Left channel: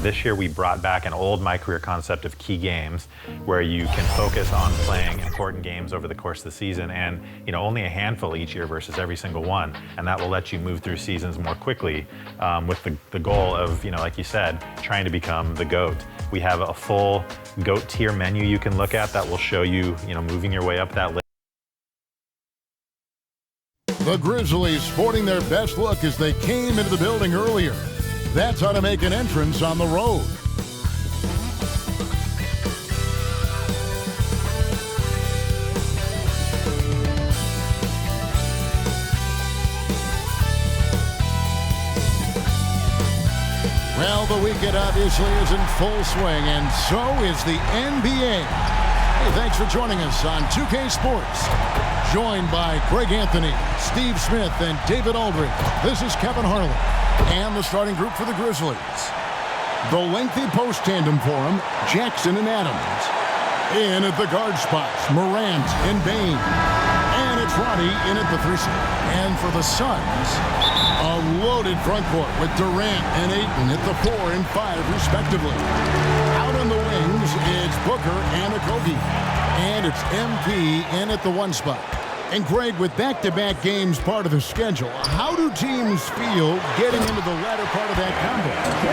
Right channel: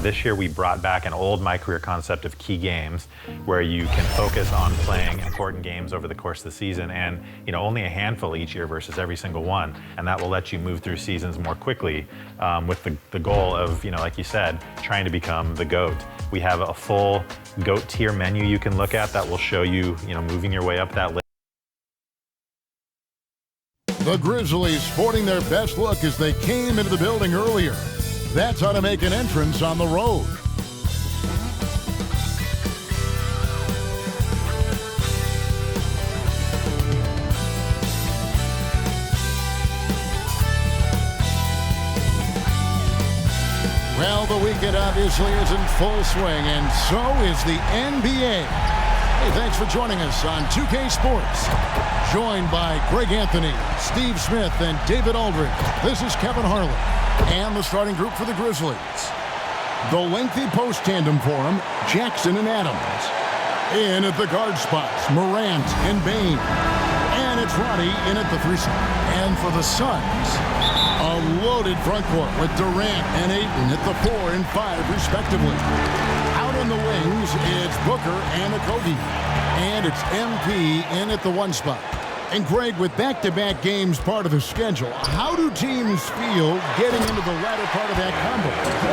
This year we brought back an old MyCAREER concept of key games where you can focus on playing important games over the course of the season, and only a handful each year versus every single one. And that will let you move through seasons more quickly with the goal of, like you said, trying to become the GOAT. We have a full GOAT tier menu you can look at that will show you, moving your way up that list. The Grizzlies sporting their best look as they came into the building earlier. That's how to make an entrance on the road. Well, the weekend obviously is in full swing, and so is the NBA. Hey, thanks for joining us on 2K Sports. Joined by Greg Anthony, Steve Smith, and David Aldridge. This is Kevin Harlan and the starting group for the Grizzlies. The lengthy post tandem for them, Jackson and Adams. In at the guard spots, Morant and Bane. And it's Roddy in at the 3 slot. And for the Suns, a loaded front court with Durant and Ayton at the 4 and 5 respectively. Out on the wings, it's Booker and Okogie. And it's MP in at the 1 spot. And Greg, with back-to-back games part of the schedule, how do teams feel getting into the latter part of that combo,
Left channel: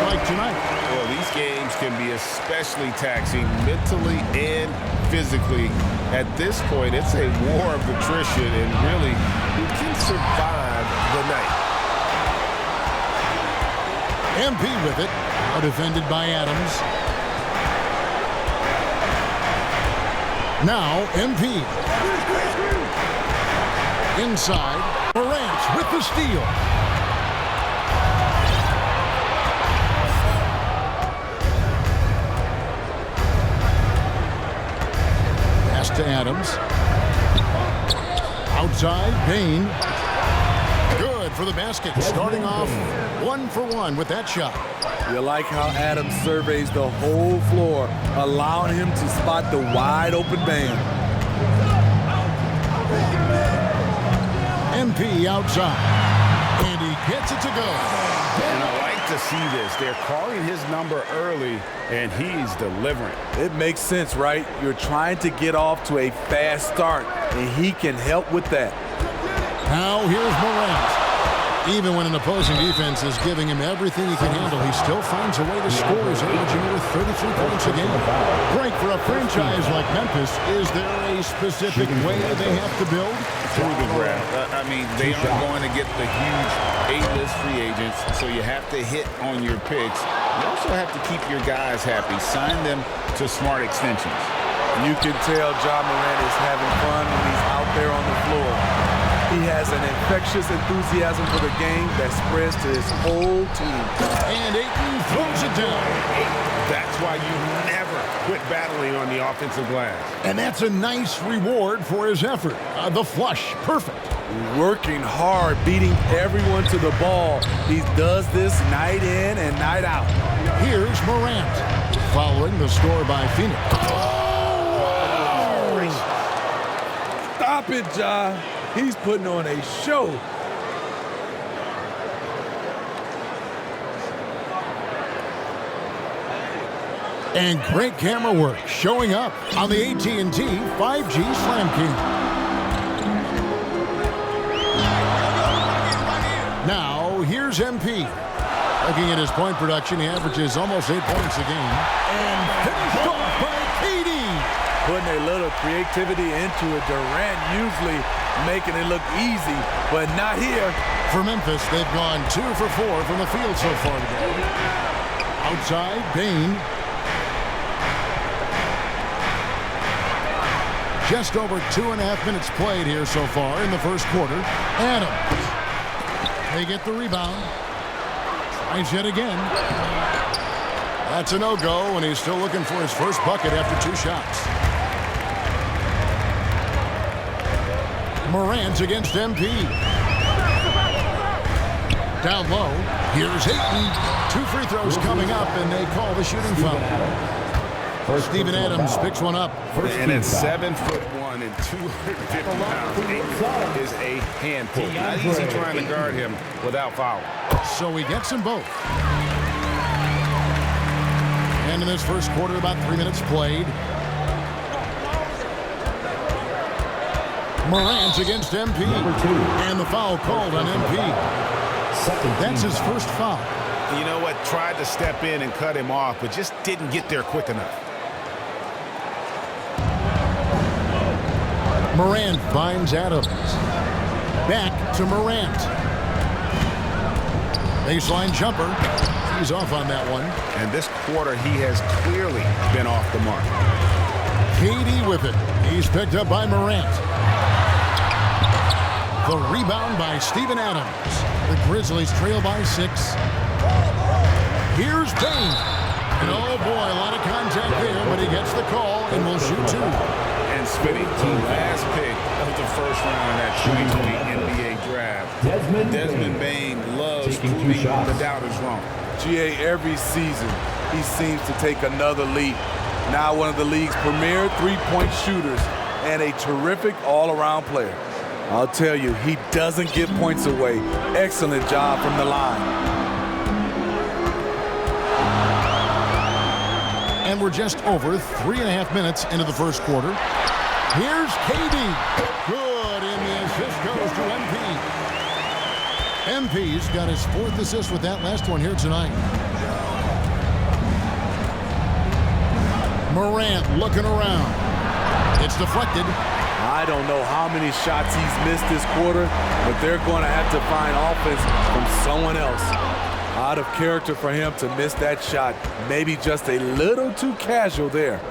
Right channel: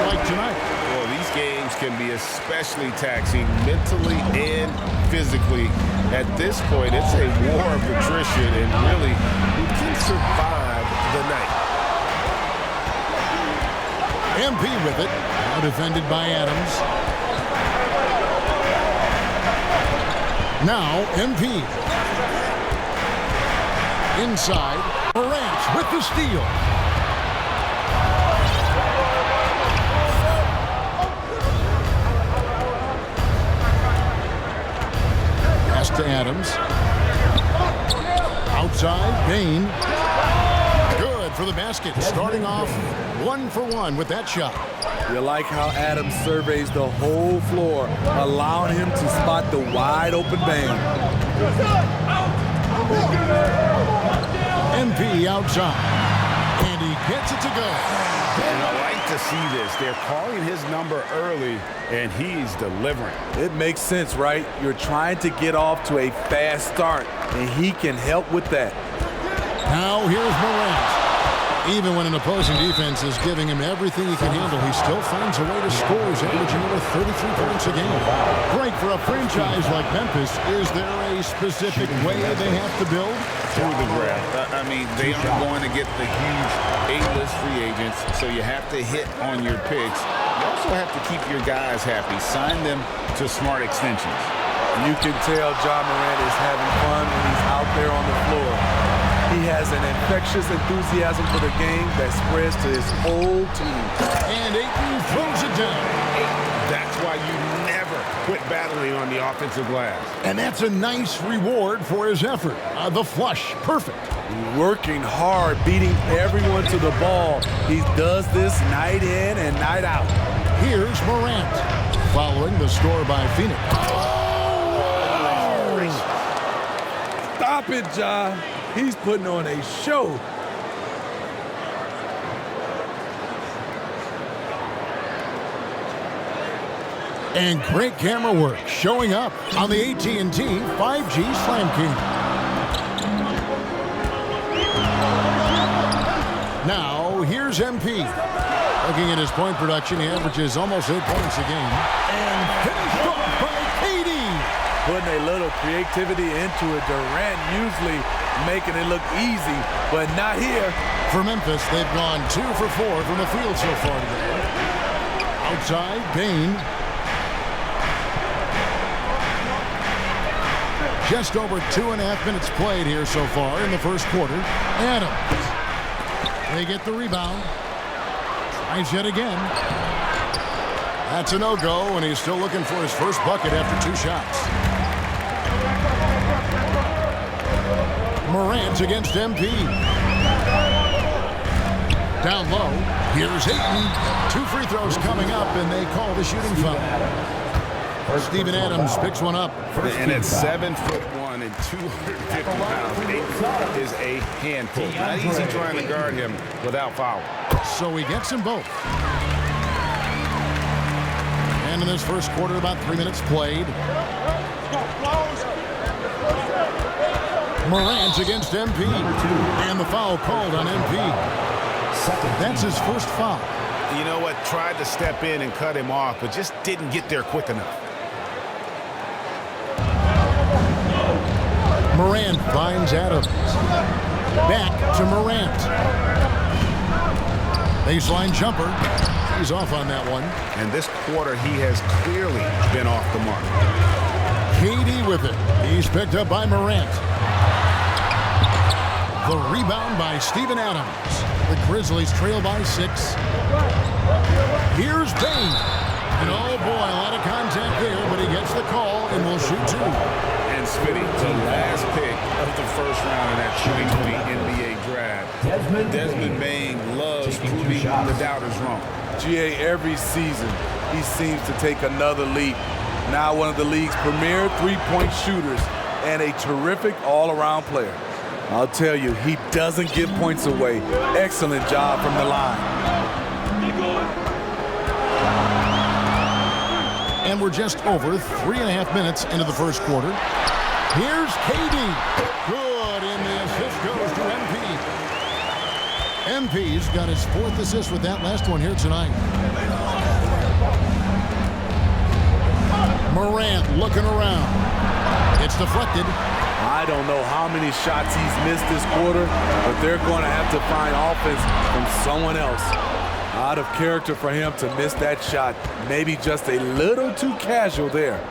like tonight? Well, these games can be especially taxing mentally and physically. At this point, it's a war of attrition, and really, who can survive the night? MP with it, now defended by Adams. Now MP. Inside, Morant with the steal. Pass to Adams. Outside, Bane. Good for the basket. Starting off 1 for 1 with that shot. You like how Adams surveys the whole floor, allowing him to spot the wide open band. MP outside, and he gets it to go. And I like to see this. They're calling his number early, and he's delivering. It makes sense, right? You're trying to get off to a fast start, and he can help with that. Now here's Morant. Even when an opposing defense is giving him everything he can handle, he still finds a way to score. He's averaging over 33 points a game. Great for a franchise like Memphis. Is there a specific way they have to build? Through the draft. I mean, they aren't going to get the huge A-list free agents, so you have to hit on your picks. You also have to keep your guys happy. Sign them to smart extensions. You can tell Ja Morant is having fun when he's out there on the floor. He has an infectious enthusiasm for the game that spreads to his whole team. And Ayton throws it down. That's why you never quit battling on the offensive glass. And that's a nice reward for his effort. The flush, perfect. Working hard, beating everyone to the ball. He does this night in and night out. Here's Morant, following the score by Phoenix. Oh, wow! Stop it, Ja. He's putting on a show. And great camera work showing up on the AT&T 5G Slam King. Now, here's MP. Looking at his point production, he averages almost 8 points a game. And finished off by KD. Putting a little creativity into it. Durant usually making it look easy, but not here. For Memphis, they've gone 2 for 4 from the field so far today. Outside, Bane. Just over 2.5 minutes played here so far in the first quarter. Adams. They get the rebound. Tries yet again. That's a no-go, and he's still looking for his first bucket after 2 shots. Morant against MP. Down low. Here's Ayton. 2 free throws coming up, and they call the shooting foul. Steven Adams picks one up. And at 7'1" and 250 pounds, Ayton is a handful. Not easy trying to guard him without fouling. So he gets them both. And in this first quarter, about 3 minutes played. Morant against MP. And the foul called on MP. That's his first foul. You know what? Tried to step in and cut him off, but just didn't get there quick enough. Morant finds Adams. Back to Morant. Baseline jumper. He's off on that one. And this quarter, he has clearly been off the mark. KD with it. He's picked up by Morant. The rebound by Steven Adams. The Grizzlies trail by 6. Here's Bane. And oh boy, a lot of contact there, but he gets the call and will shoot 2. And Smitty, the last pick of the first round in that 2020 NBA draft. Desmond Bane loves proving the doubters wrong. GA, every season, he seems to take another leap. Now one of the league's premier three-point shooters and a terrific all-around player. I'll tell you, he doesn't give points away. Excellent job from the line. And we're just over 3.5 minutes into the first quarter. Here's KD. Good, and the assist goes to MP. MP's got his 4th assist with that last one here tonight. Morant looking around. It's deflected. I don't know how many shots he's missed this quarter, but they're going to have to find offense from someone else. Out of character for him to miss that shot. Maybe just a little too casual there.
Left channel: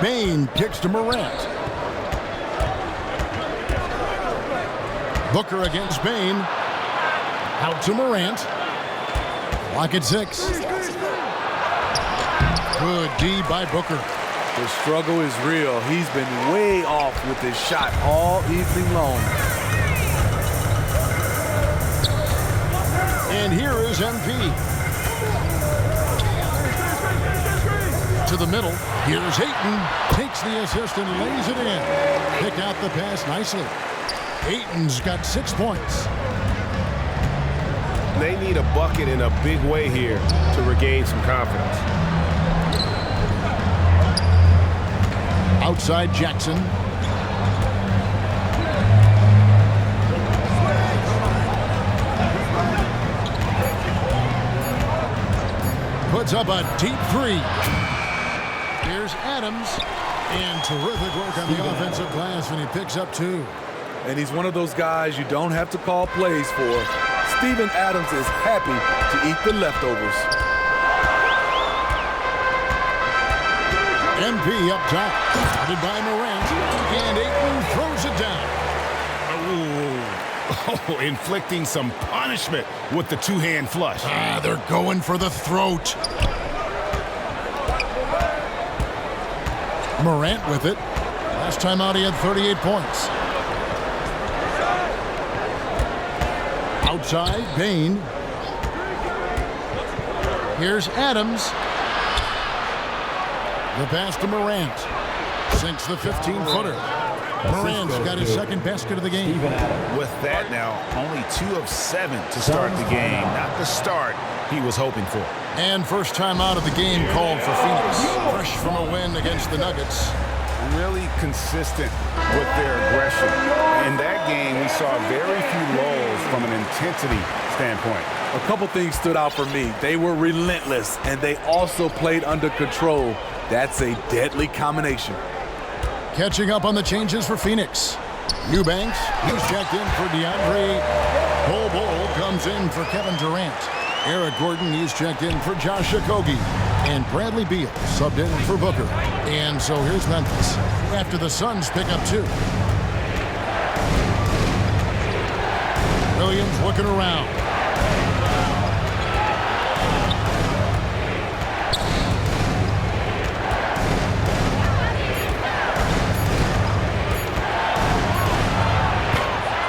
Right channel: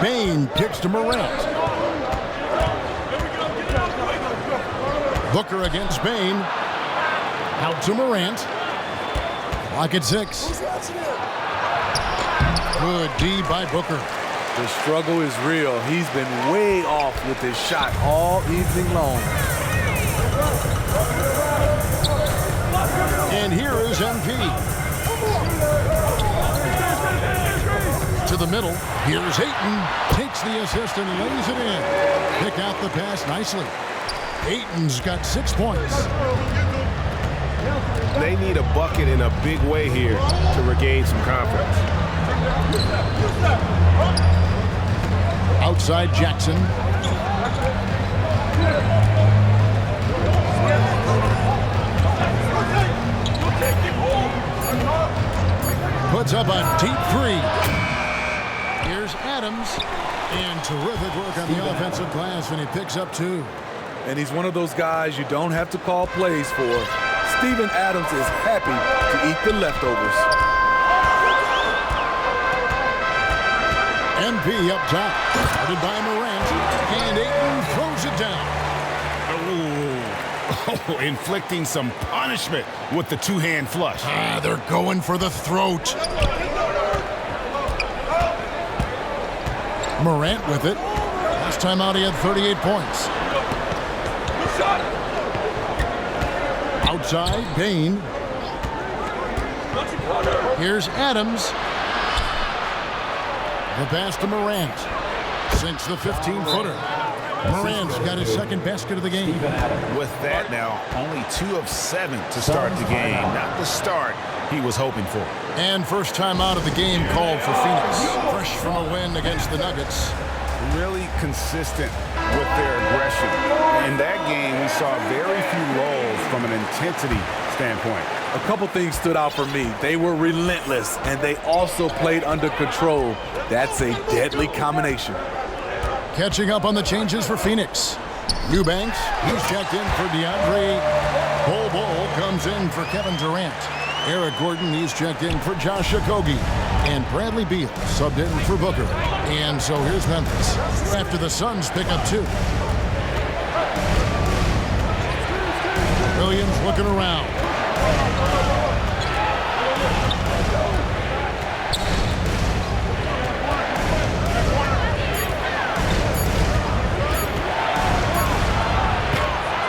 Bane kicks to Morant. Booker against Bane. Out to Morant. Clock at 6. Good D by Booker. The struggle is real. He's been way off with his shot all evening long. And here is MP. To the middle. Here's Ayton. Takes the assist and lays it in. Picked out the pass nicely. Ayton's got 6 points. They need a bucket in a big way here to regain some confidence. Outside Jackson. Puts up a deep 3. Here's Adams. And terrific work on the offensive glass, and he picks up 2. And he's one of those guys you don't have to call plays for. Steven Adams is happy to eat the leftovers. MP up top. Guarded by Morant. And Ayton throws it down. Oh, inflicting some punishment with the two-hand flush. They're going for the throat. Morant with it. Last time out, he had 38 points. Outside, Bane. Here's Adams. The pass to Morant. Sinks the 15-footer. Morant's got his 2nd basket of the game. With that now, only 2 of 7 to start the game. Not the start he was hoping for. And first time out of the game called for Phoenix. Fresh from a win against the Nuggets. Really consistent with their aggression. In that game, we saw very few lulls from an intensity standpoint. A couple things stood out for me. They were relentless, and they also played under control. That's a deadly combination. Catching up on the changes for Phoenix. Eubanks, he's checked in for DeAndre. Bol comes in for Kevin Durant. Eric Gordon, he's checked in for Josh Okogie. And Bradley Beal subbed in for Booker. And so here's Memphis after the Suns pick up 2. Williams looking around.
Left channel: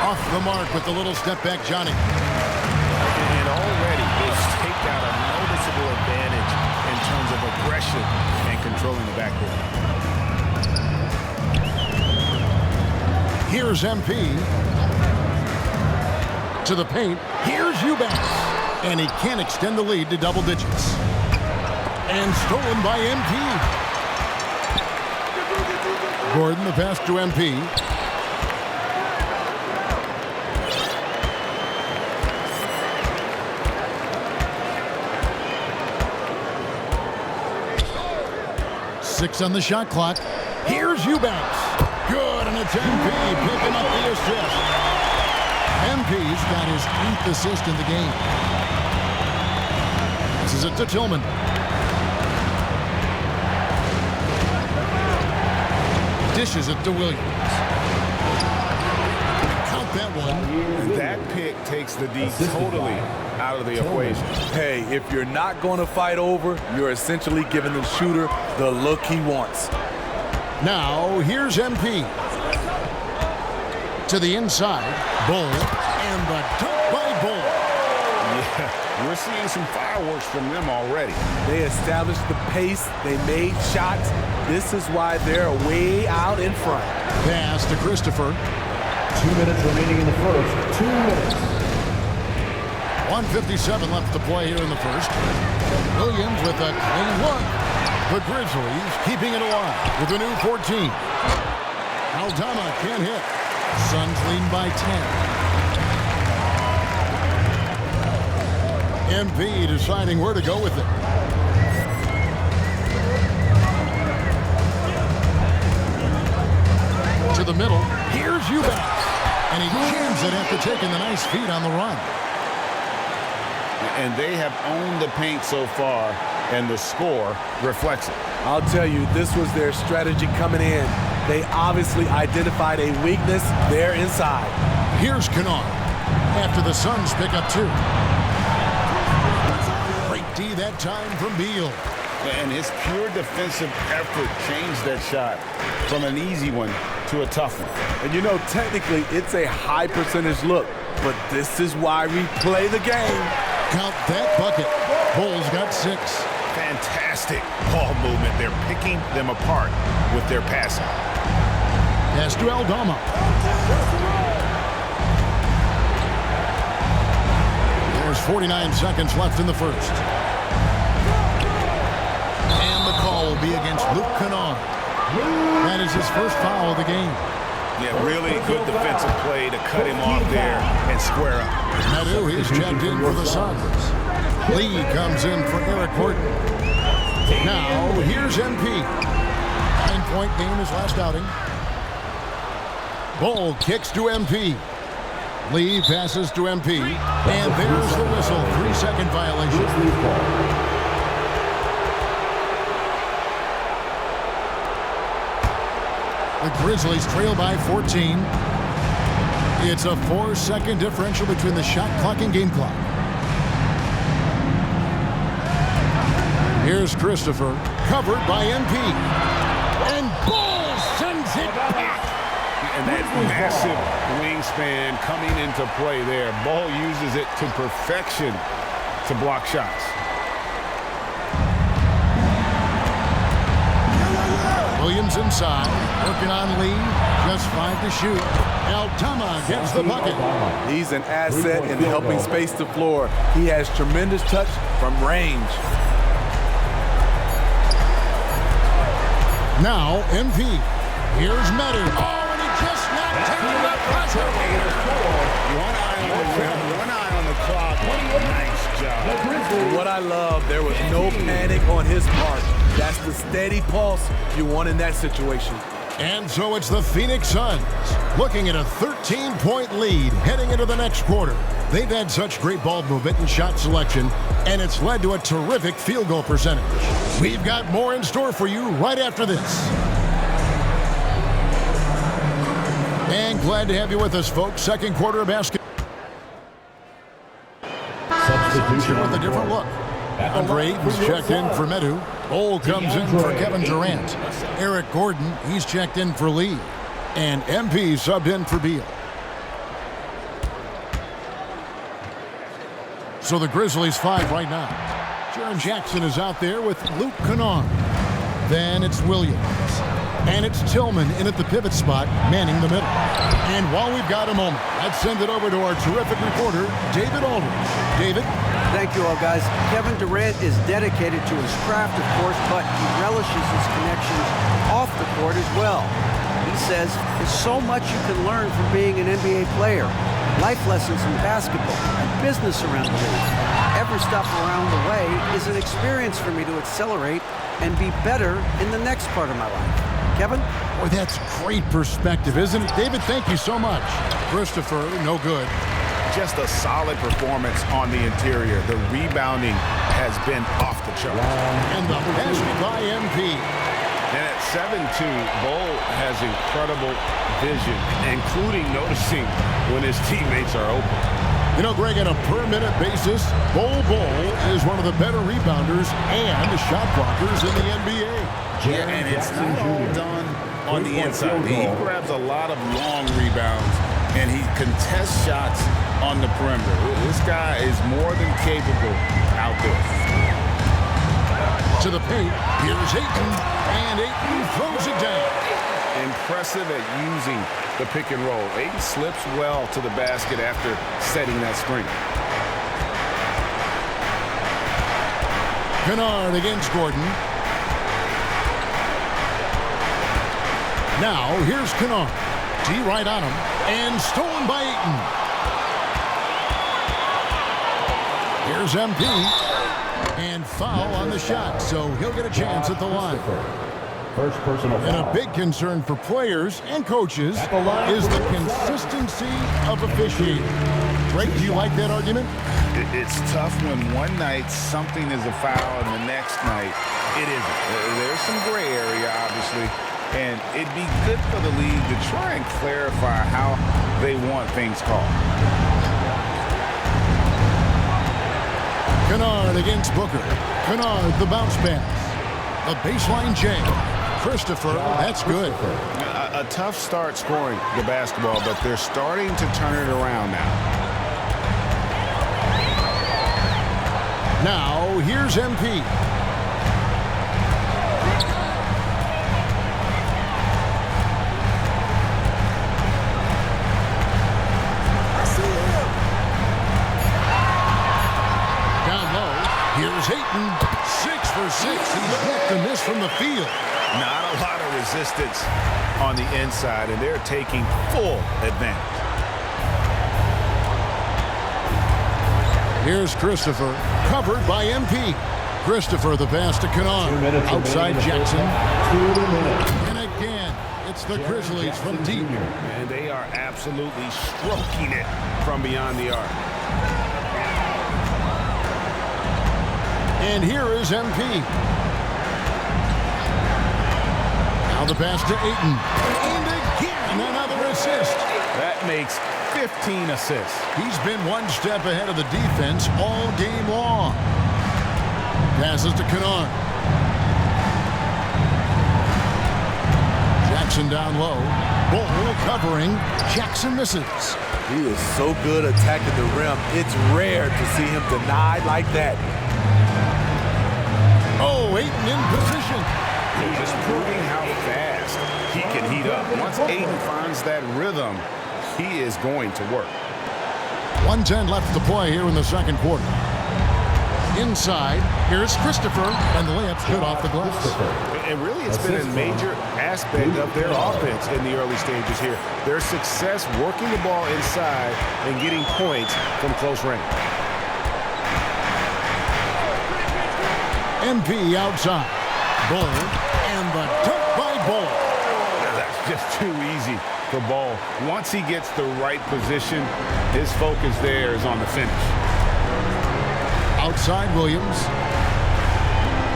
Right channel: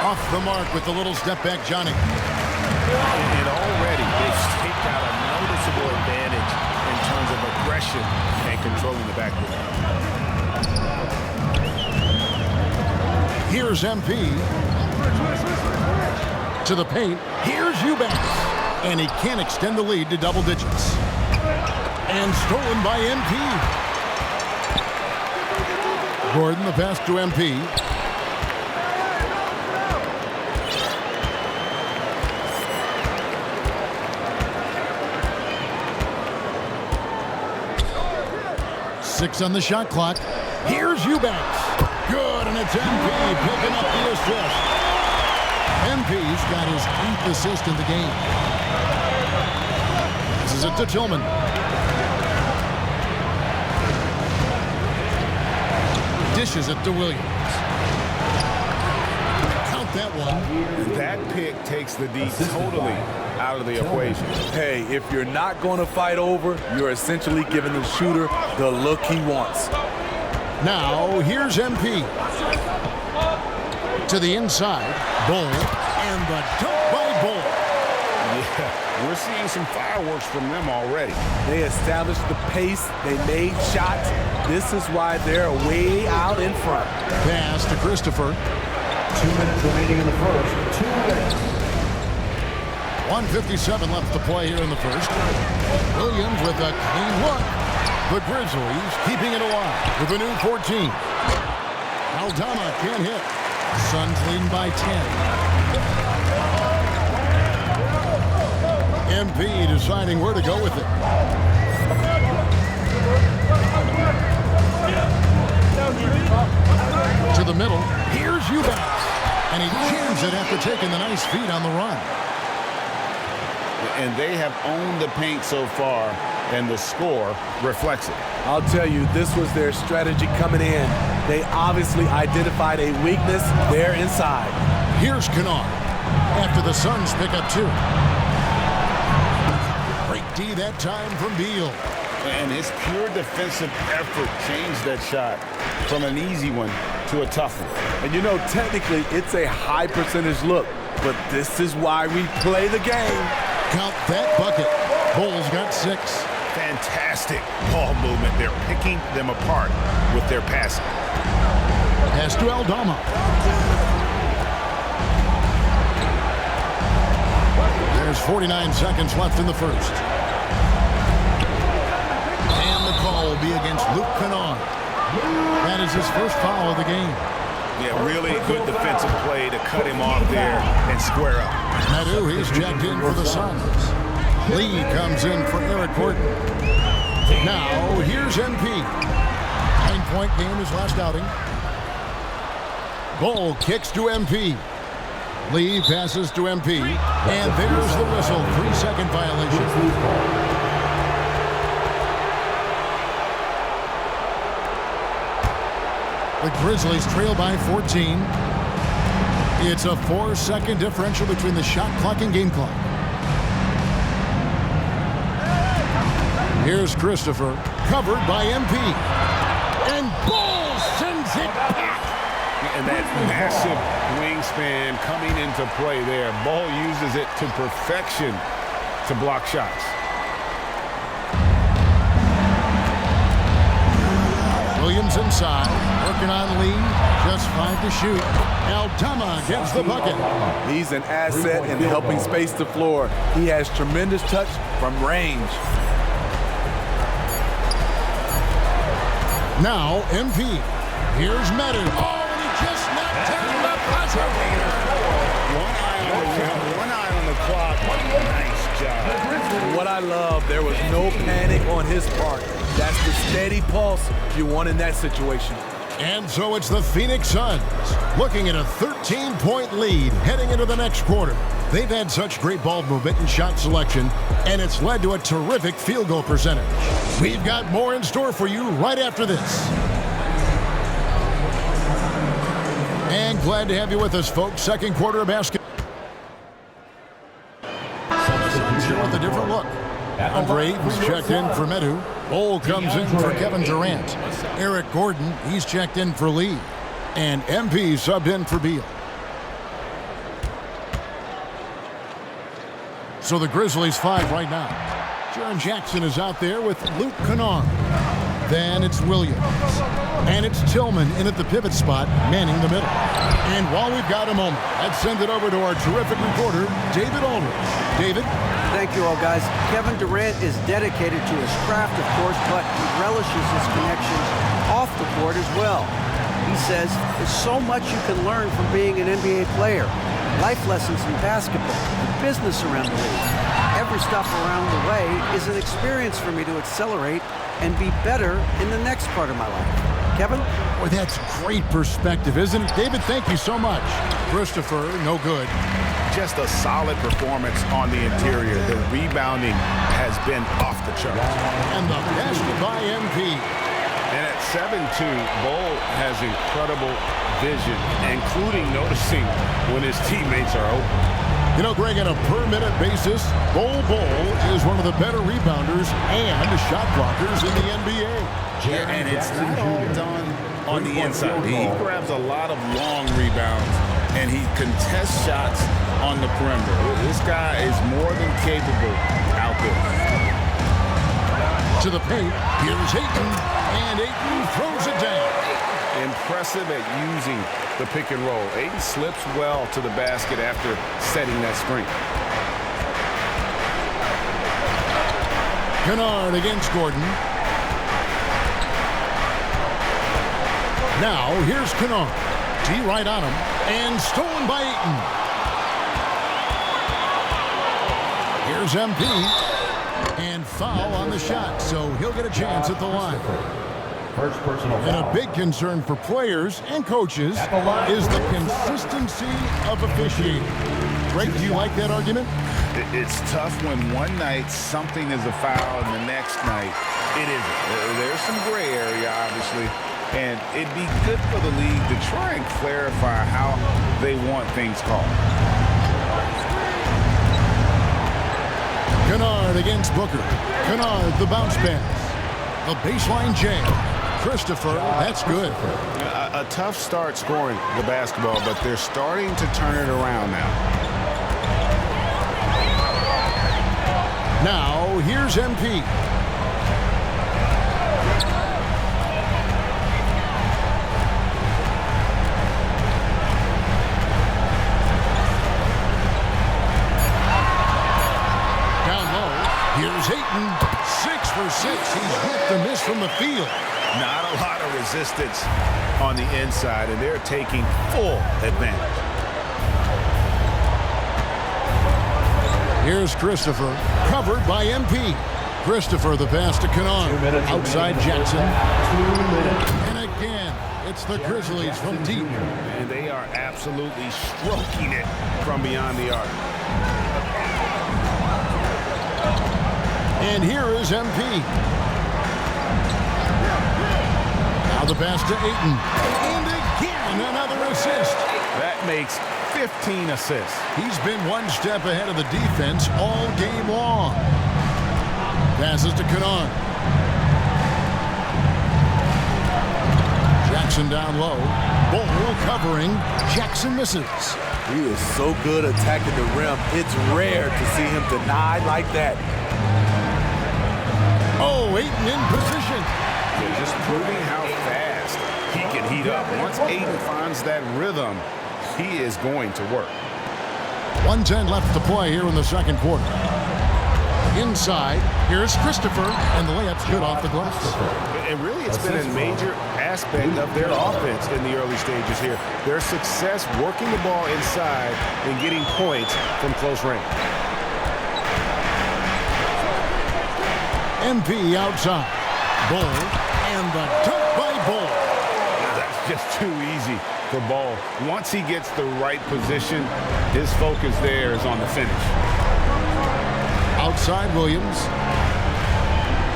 Off the mark with the little step back, Johnny. And already they've staked out a noticeable advantage in terms of aggression and controlling the backboard. Here's MP. To the paint. Here's Eubanks. And he can't extend the lead to double digits. And stolen by MP. Gordon, the pass to MP. Six on the shot clock. Here's Eubanks. Good, and it's MP picking up the assist. MP's got his 8th assist in the game. Passes it to Tillman. Dishes it to Williams. Count that one. And that pick takes the D totally out of the equation. Hey, if you're not going to fight over, you're essentially giving the shooter the look he wants. Now, here's MP. To the inside. Bull. And the dunk by Bull. Yeah, we're seeing some fireworks from them already. They established the pace. They made shots. This is why they're way out in front. Pass to Christopher. 2 minutes remaining in the first. 2 minutes. 1:57 left to play here in the first. Williams with a clean look. The Grizzlies keeping it alive with a new 14. Aldama can't hit. Suns leading by 10. MP deciding where to go with it. To the middle. Here's Eubanks. And he jams it after taking the nice feed on the run. And they have owned the paint so far, and the score reflects it. I'll tell you, this was their strategy coming in. They obviously identified a weakness there inside. Here's Kennard after the Suns pick up 2. Great D that time from Beal. And his pure defensive effort changed that shot from an easy one to a tough one. And you know, technically, it's a high percentage look, but this is why we play the game. Count that bucket. Bulls got 6. Fantastic ball movement. They're picking them apart with their passing. Pass to Aldama. There's 49 seconds left in the first. And the call will be against Luke Kennard. That is his first foul of the game. Yeah, really good defensive play to cut him off there and square up. Medu, he's checked in for the Suns. Lee comes in for Eric Gordon. Now, here's MP. 9-point game his last outing. Bull kicks to MP. Lee passes to MP. And there's the whistle. 3-second violation. The Grizzlies trail by 14. It's a 4-second differential between the shot clock and game clock. Here's Christopher, covered by MP. And Bull sends it back. And that massive wingspan coming into play there. Ball uses it to perfection to block shots. Williams inside, working on Lee. Just 5 to shoot. Aldama gets the bucket. He's an asset in helping space the floor. He has tremendous touch from range. Now, MP. Here's Medu. Oh, and he just knocked down the buzzer beater. One eye on the rim, one eye on the clock. Nice job. And what I love, there was no panic on his part. That's the steady pulse you want in that situation. And so it's the Phoenix Suns looking at a 13-point lead heading into the next quarter. They've had such great ball movement and shot selection, and it's led to a terrific field goal percentage. We've got more in store for you right after this. And glad to have you with us, folks. Second quarter of basketball. The Suns here with a different look. Andre Ayton's checked in for Medu. Bull comes in for Kevin Durant. Eric Gordon, he's checked in for Lee. And MP subbed in for Beal. So the Grizzlies 5 right now. Jaren Jackson is out there with Luke Kennard. Then it's Williams. And it's Tillman in at the pivot spot, manning the middle. And while we've got a moment, let's send it over to our terrific reporter, David Aldridge. David? Thank you all, guys. Kevin Durant is dedicated to his craft, of course, but he relishes his connections off the court as well. He says there's so much you can learn from being an NBA player. Life lessons in basketball and business around the league. Every stop around the way is an experience for me to accelerate and be better in the next part of my life. Kevin? Boy, that's great perspective, isn't it? David, thank you so much. Christopher, no good. Just a solid performance on the interior. The rebounding has been off the charts. And the basket by MP. And at 7'2", Bull has incredible vision, including noticing when his teammates are open. You know, Greg, on a per-minute basis, Bull is one of the better rebounders and shot blockers in the NBA. Yeah, and it's not all done on the inside. He grabs a lot of long rebounds, and he contests shots on the perimeter. This guy is more than capable out there. To the paint, here's Ayton, and Ayton throws it down. Impressive at using the pick and roll. Ayton slips well to the basket after setting that screen. Kennard against Gordon. Now, here's Kennard. D right on him, and stolen by Ayton. Here's MP, and foul on the shot, so he'll get a chance at the line. First personal foul. And a big concern for players and coaches is the consistency of officiating. Greg, do you like that argument? It's tough when one night something is a foul and the next night it isn't. There's some gray area, obviously, and it'd be good for the league to try and clarify how they want things called. Kennard against Booker. Kennard, the bounce pass. The baseline J. Christopher, that's good. A tough start scoring the basketball, but they're starting to turn it around now. Now, here's MP. Down low, here's Ayton. 6 for 6. He's yet to miss from the field. Not a lot of resistance on the inside, and they're taking full advantage. Here's Christopher, covered by MP. Christopher, the pass to Kennard. Outside Jackson. And again, it's the Grizzlies from deep. And they are absolutely stroking it from beyond the arc. And here is MP. Now the pass to Ayton. And again, another assist. That makes 15 assists. He's been one step ahead of the defense all game long. Passes to Kennard. Jackson down low. Bull covering. Jackson misses. He is so good attacking the rim. It's rare to see him denied like that. Oh, Ayton in position. They're just proving how fast he can heat up. Once Ayton finds that rhythm, he is going to work. 1:10 left to play here in the second quarter. Inside, here's Christopher, and the layup's good off the glass. And really, it's been a major aspect of their offense in the early stages here. Their success working the ball inside and getting points from close range. MP outside. Bull, and the dunk by Bull. Now that's just too easy for Ball. Once he gets the right position, his focus there is on the finish. Outside Williams.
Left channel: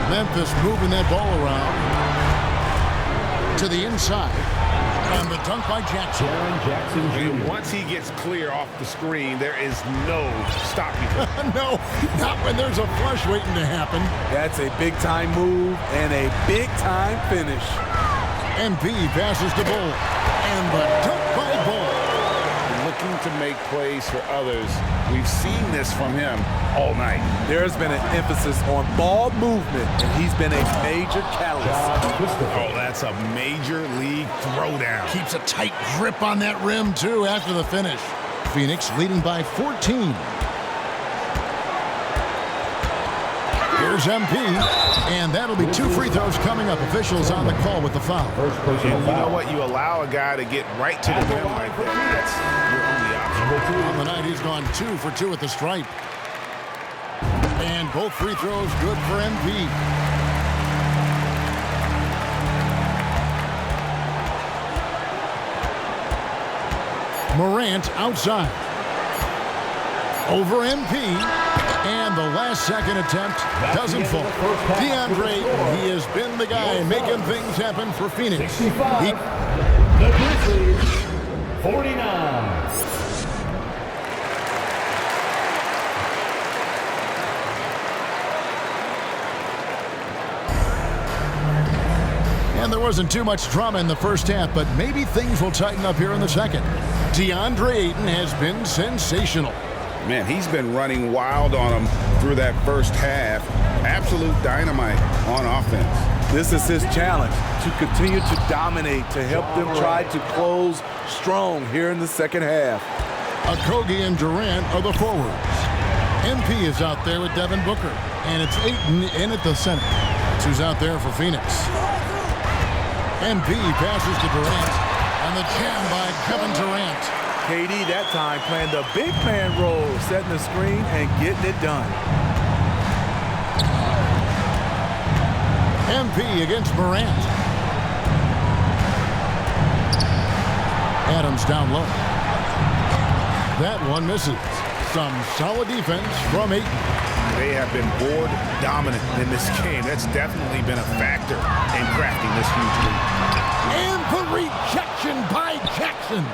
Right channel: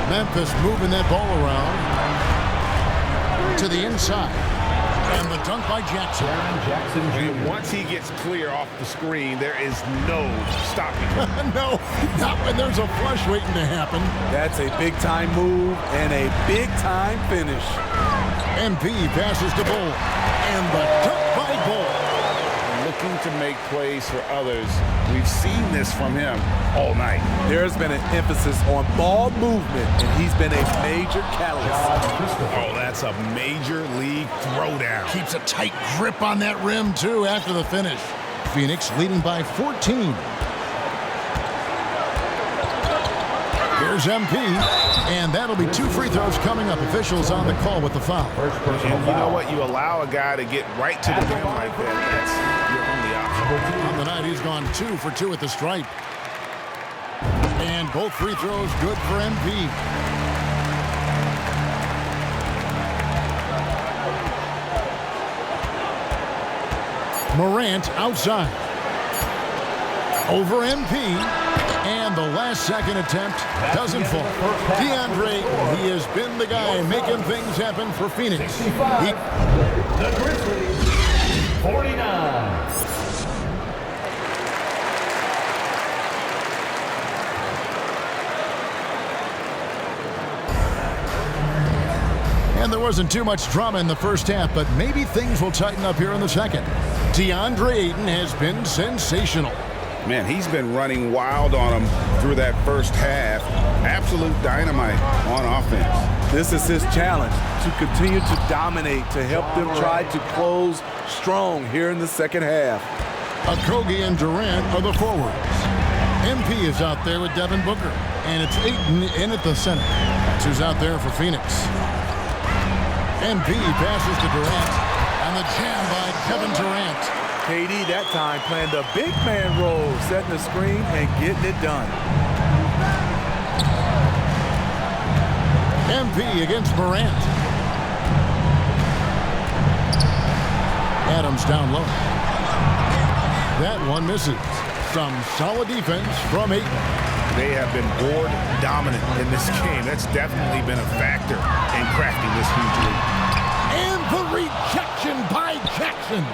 Memphis moving that ball around. To the inside. And the dunk by Jackson. And once he gets clear off the screen, there is no stopping him. No, not when there's a flush waiting to happen. That's a big-time move and a big-time finish. MP passes to Bull. And the dunk by Bull. Looking to make plays for others. We've seen this from him all night. There's been an emphasis on ball movement, and he's been a major catalyst. Oh, that's a major league throwdown. Keeps a tight grip on that rim, too, after the finish. Phoenix leading by 14. Here's MP, and that'll be 2 free throws coming up. Officials on the call with the foul. And you know what? You allow a guy to get right to the rim like that. That's your only option. On the night, he's gone 2 for 2 at the stripe. And both free throws good for MP. Morant outside. Over MP. And the last second attempt doesn't fall. DeAndre Ayton, he has been the guy making things happen for Phoenix. The Grizzlies, 49. And there wasn't too much drama in the first half, but maybe things will tighten up here in the second. DeAndre Ayton has been sensational. Man, he's been running wild on them through that first half. Absolute dynamite on offense. This is his challenge, to continue to dominate, to help them try to close strong here in the second half. Okogie and Durant are the forwards. MP is out there with Devin Booker, and it's Ayton in at the center. That's who's out there for Phoenix. MP passes to Durant, and the jam by Kevin Durant. KD that time playing the big man role, setting the screen and getting it done. MP against Morant. Adams down low. That one misses. Some solid defense from Ayton. They have been board dominant in this game. That's definitely been a factor in crafting this huge lead. And the rejection by Jackson.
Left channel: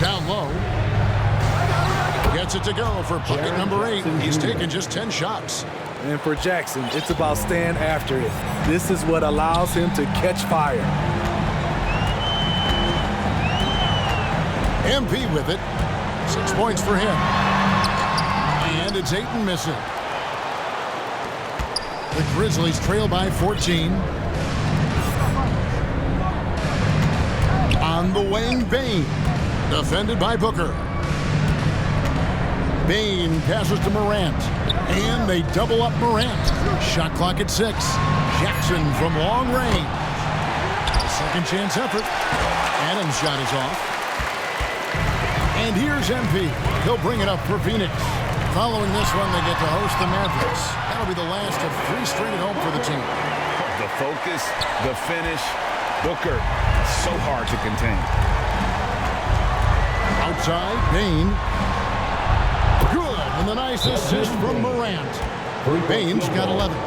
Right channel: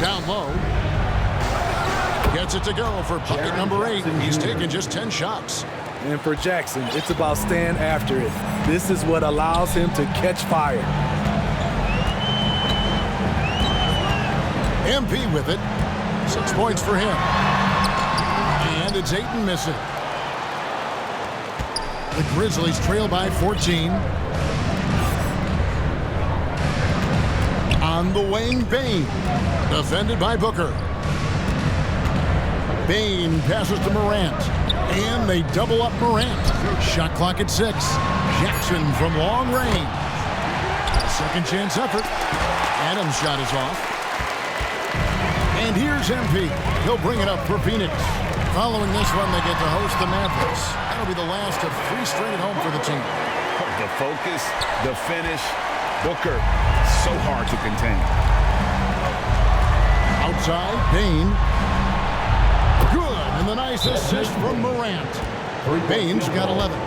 Down low. Gets it to go for bucket number 8. He's taken just 10 shots. And for Jackson, it's about staying after it. This is what allows him to catch fire. MP with it. 6 points for him. And it's Ayton missing. The Grizzlies trail by 14. On the wing, Bane. Defended by Booker. Bane passes to Morant. And they double up Morant. Shot clock at 6. Jackson from long range. A second chance effort. Adams' shot is off. And here's MP. He'll bring it up for Phoenix. Following this one, they get to host the Mavericks. That'll be the last of 3 straight at home for the team. The focus, the finish. Booker, so hard to contain. Outside, Bane. Good, and the nice assist from Morant. Bane's got 11.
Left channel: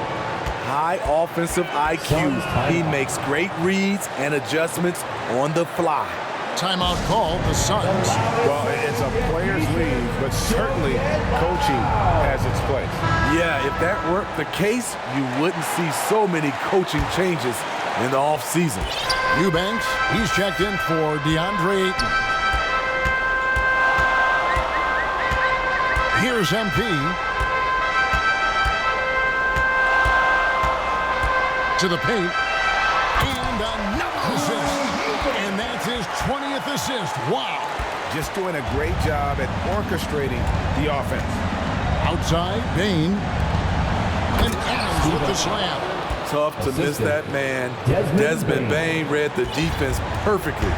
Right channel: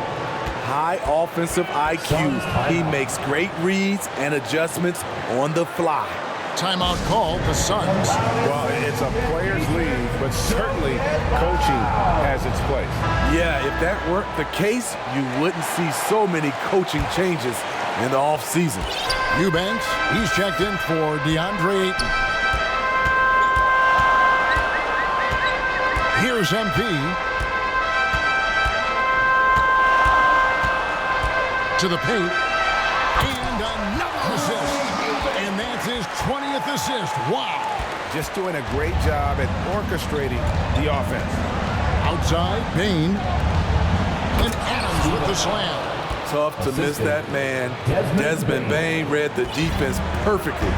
High offensive IQ. He makes great reads and adjustments on the fly. Timeout called, the Suns. Well, it's a players' league, but certainly coaching has its place. Yeah, if that weren't the case, you wouldn't see so many coaching changes in the offseason. Eubanks, he's checked in for DeAndre Ayton. Here's MP. To the paint. And another assist. And that's his 20th assist. Wow. Just doing a great job at orchestrating the offense. Outside, Bane. And Adams with the slam. Tough to miss that man. Desmond Bane read the defense perfectly.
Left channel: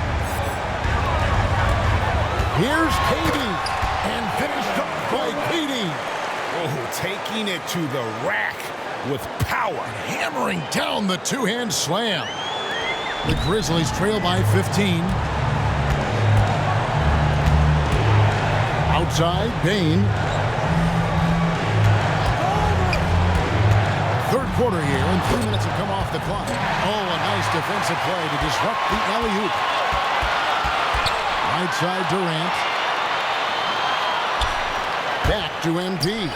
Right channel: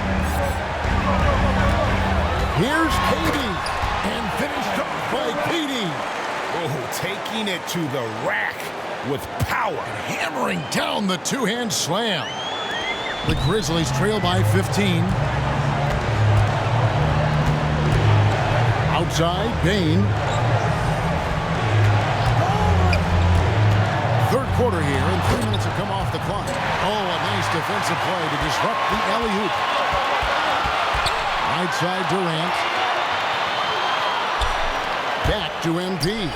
Here's KD. And finished off by KD. Oh, taking it to the rack with power. Hammering down the two-hand slam. The Grizzlies trail by 15. Outside, Bane. Third quarter here, and 3 minutes have come off the clock. Oh, a nice defensive play to disrupt the alley-oop. Right side, Durant. Back to MP.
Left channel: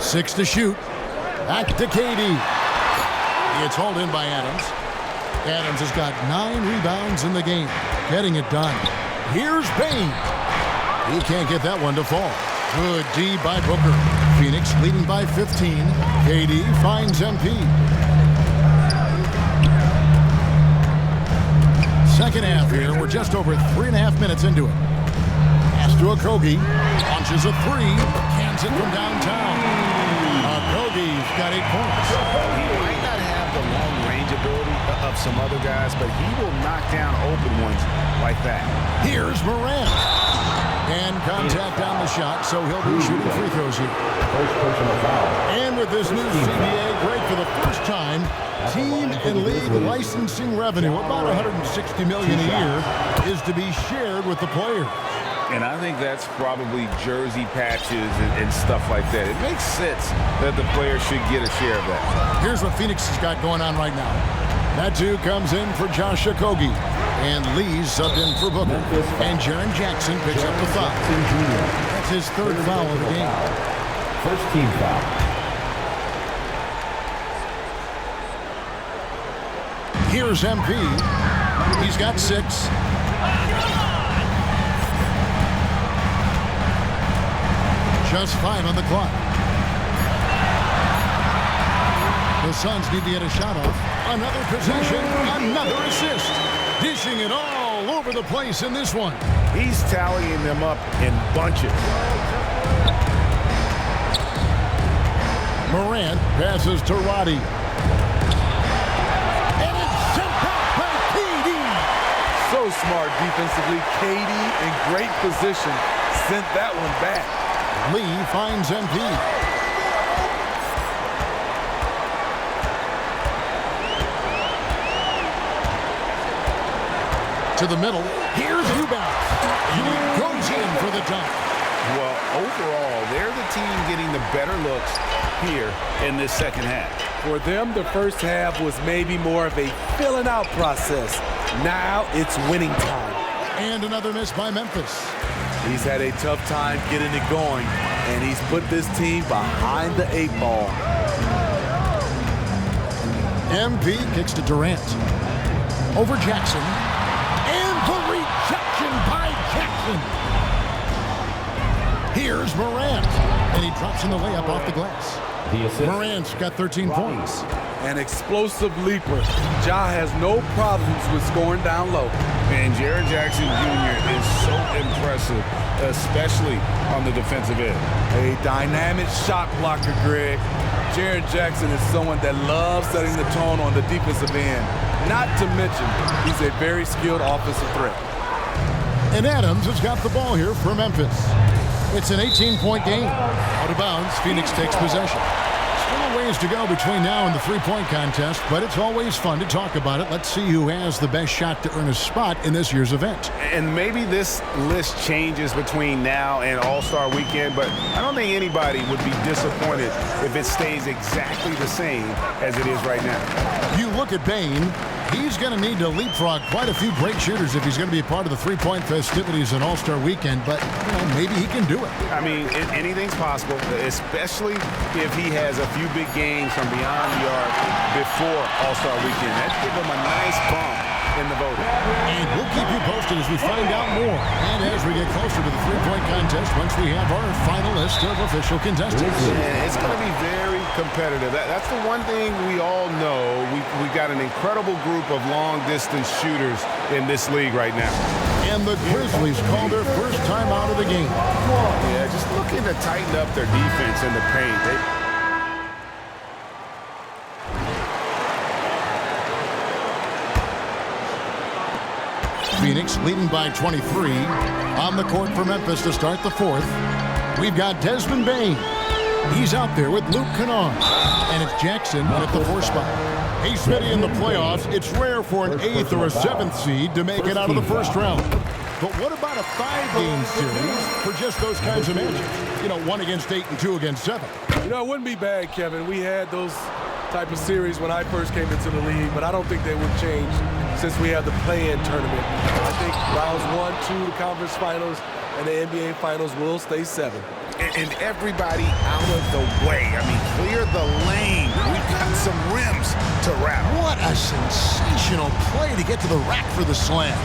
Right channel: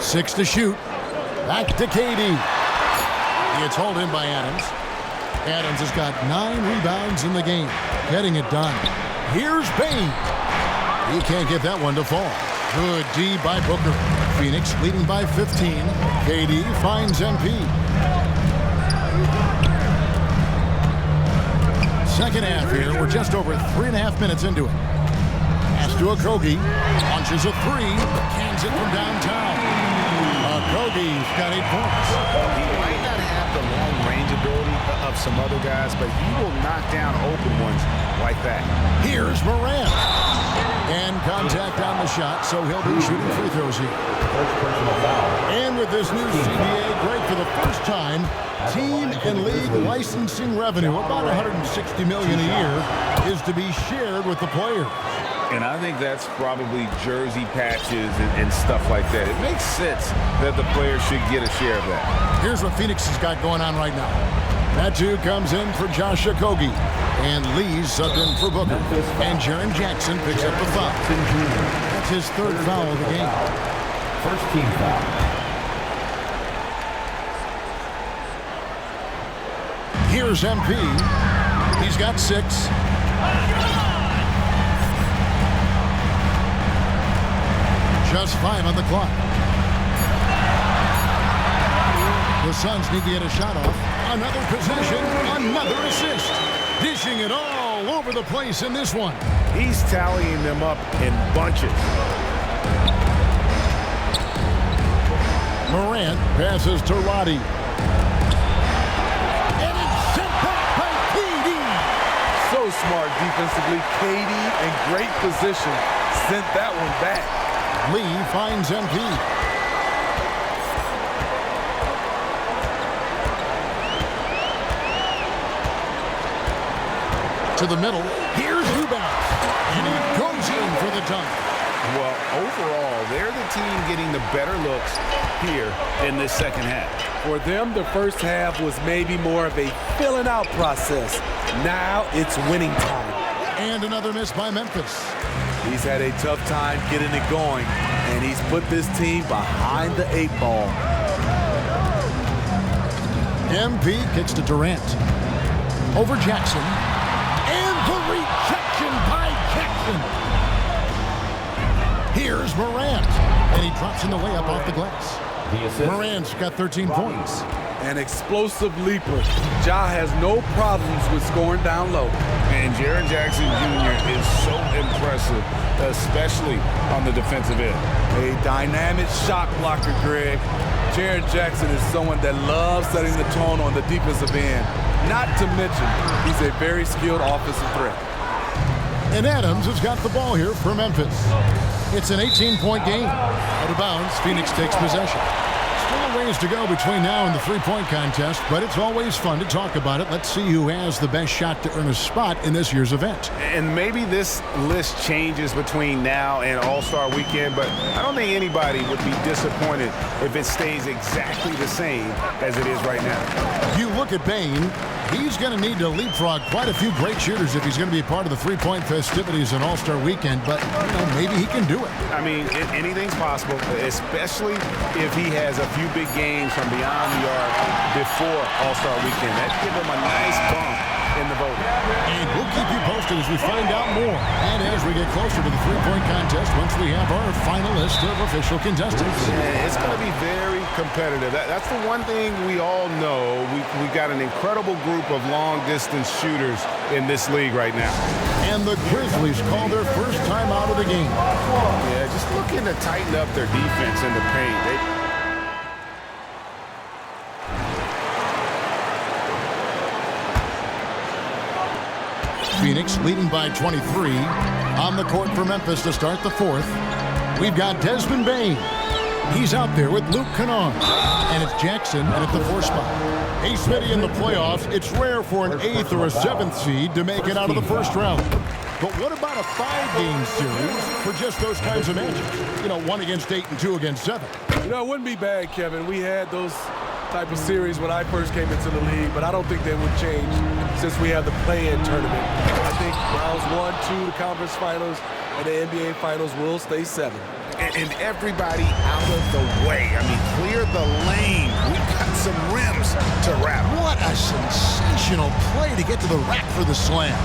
Six to shoot. Back to KD. It's hauled in by Adams. Adams has got 9 rebounds in the game. Getting it done. Here's Bane. He can't get that one to fall. Good D by Booker. Phoenix leading by 15. KD finds MP. Second half here. We're just over 3.5 minutes into it. Pass to Okogie. Launches a three. Cans it from downtown. Okogie's got 8 points. He might not have the long-range ability of some other guys, but he will knock down open ones like that. Here's Morant. And contact on the shot, so he'll be shooting free throws here. And with this new CBA, Greg, for the first time, team and league licensing revenue, about $160 million a year, is to be shared with the players. And I think that's probably jersey patches and stuff like that. It makes sense that the players should get a share of that. Here's what Phoenix has got going on right now. That two comes in for Josh Okogie. And Lee's subbed in for Booker. And Jaren Jackson picks up the foul. That's his third foul of the game. First team foul. Here's MP. He's got 6. Just 5 on the clock. The Suns need to get a shot off. Another possession, another assist. Dishing it all over the place in this one. He's tallying them up in bunches. Morant passes to Roddy. And it's sent back by KD. So smart defensively. KD in great position. Sent that one back. Lee finds MP. To the middle. Here's Eubanks. And he goes in for the dunk. Well, overall, they're the team getting the better looks here in this second half. For them, the first half was maybe more of a filling out process. Now it's winning time. And another miss by Memphis. He's had a tough time getting it going, and he's put this team behind the 8 ball. MP kicks to Durant. Over Jackson. And the rejection by Jackson. Here's Morant. And he drops in the layup off the glass. Morant's got 13 points. An explosive leaper. Ja has no problems with scoring down low. And Jaren Jackson Jr. is so impressive, especially on the defensive end. A dynamic shot blocker, Greg. Jaren Jackson is someone that loves setting the tone on the defensive end. Not to mention, he's a very skilled offensive threat. And Adams has got the ball here for Memphis. It's an 18-point game. Out of bounds, Phoenix takes possession. Still a ways to go between now and the three-point contest, but it's always fun to talk about it. Let's see who has the best shot to earn a spot in this year's event. And maybe this list changes between now and All-Star Weekend, but I don't think anybody would be disappointed if it stays exactly the same as it is right now. You look at Bane. He's going to need to leapfrog quite a few great shooters if he's going to be a part of the three-point festivities on All-Star Weekend, but, maybe he can do it. I mean, anything's possible, especially if he has a few big games from beyond the arc before All-Star Weekend. That'd give him a nice bump in the voting. And we'll keep you posted as we find out more and as we get closer to the three-point contest once we have our final list of official contestants. Yeah, it's going to be very competitive. That's the one thing we all know. We've got an incredible group of long-distance shooters in this league right now. And the Grizzlies call their first time out of the game. Yeah, just looking to tighten up their defense in the paint. Phoenix leading by 23. On the court for Memphis to start the fourth. We've got Desmond Bane. He's out there with Luke Kennard. And it's Jackson in at the 4 spot. Hey, Smitty, in the playoffs, it's rare for an 8th or a 7th seed to make it out of the first round. But what about a 5-game series for just those kinds of matchups? 1 against 8 and 2 against 7. It wouldn't be bad, Kevin. We had those type of series when I first came into the league, but I don't think they would change since we have the play-in tournament. I think rounds 1, 2, the conference finals, and the NBA finals will stay 7. And everybody out of the way. I mean, clear the lane. We've got some rims to rattle. What a sensational play to get to the rack for the slam.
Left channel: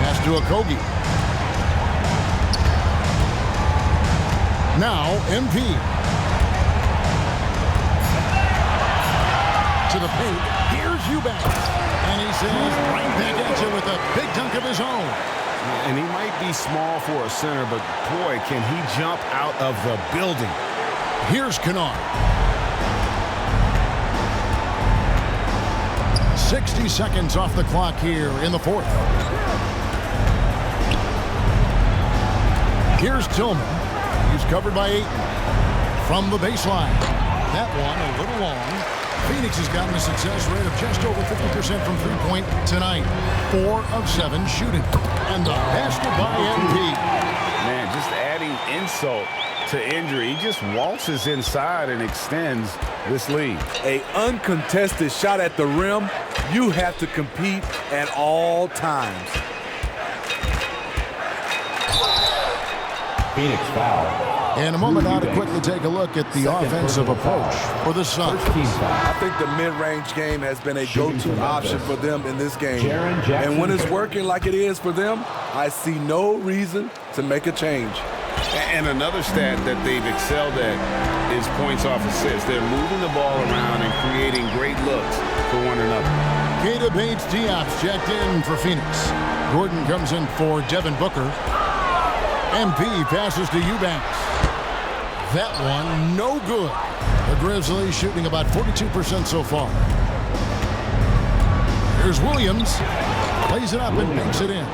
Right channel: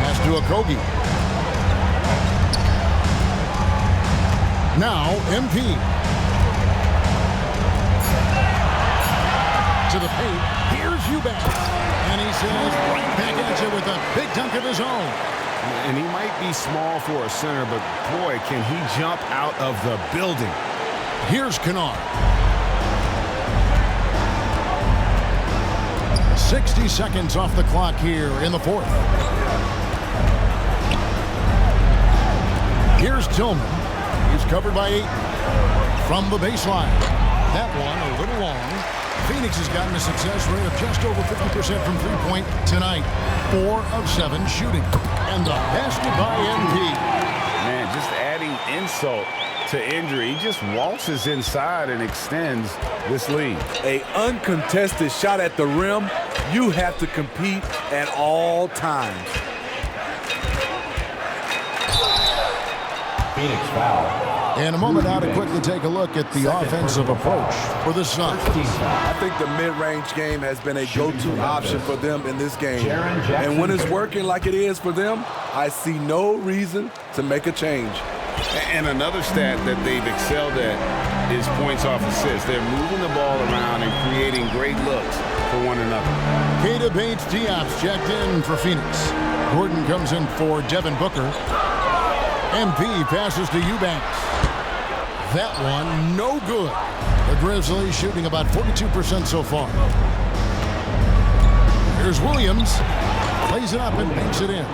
Pass to Okogie. Now, MP. To the paint. Here's Eubanks. And he says right back at you with a big dunk of his own. Yeah, and he might be small for a center, but boy, can he jump out of the building. Here's Kennard. 60 seconds off the clock here in the fourth. Here's Tillman. He's covered by Ayton. From the baseline. That one a little long. Phoenix has gotten a success rate of just over 50% from three-point tonight. 4 of 7 shooting. And the basket by MP. Man, just adding insult to injury. He just waltzes inside and extends this lead. An uncontested shot at the rim, you have to compete at all times. Phoenix foul. In a moment now to quickly take a look at the offensive approach for the Suns. I think the mid-range game has been a go-to option for them in this game. And when it's working like it is for them, I see no reason to make a change. And another stat that they've excelled at is points off assists. They're moving the ball around and creating great looks for one another. Keita Bates-Diop's checked in for Phoenix. Gordon comes in for Devin Booker. MP passes to Eubanks. That one, no good. The Grizzlies shooting about 42% so far. Here's Williams. Plays it up and banks it in.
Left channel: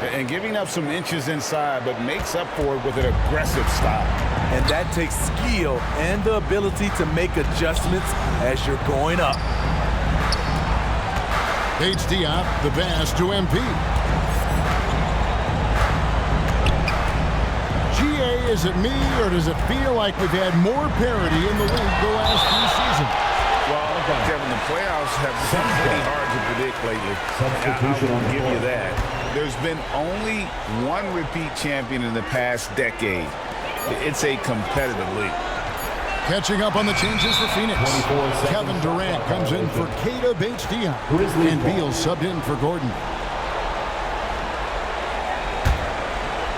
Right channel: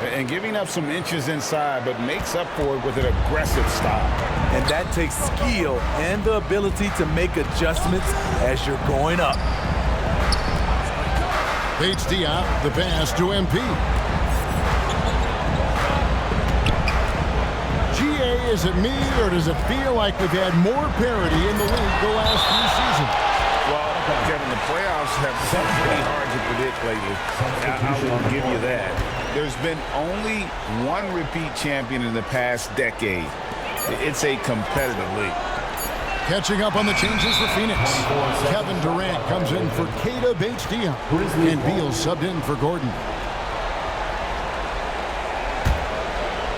And giving up some inches inside, but makes up for it with an aggressive style. And that takes skill and the ability to make adjustments as you're going up. Bates-Diop, the pass to MP. GA, is it me, or does it feel like we've had more parity in the league the last few seasons? Well, Kevin, the playoffs have been pretty hard to predict lately. I will give you that. There's been only one repeat champion in the past decade. It's a competitive league. Catching up on the changes for Phoenix. Kevin Durant comes in for Keita Bates-Diop, and Beal subbed in for Gordon.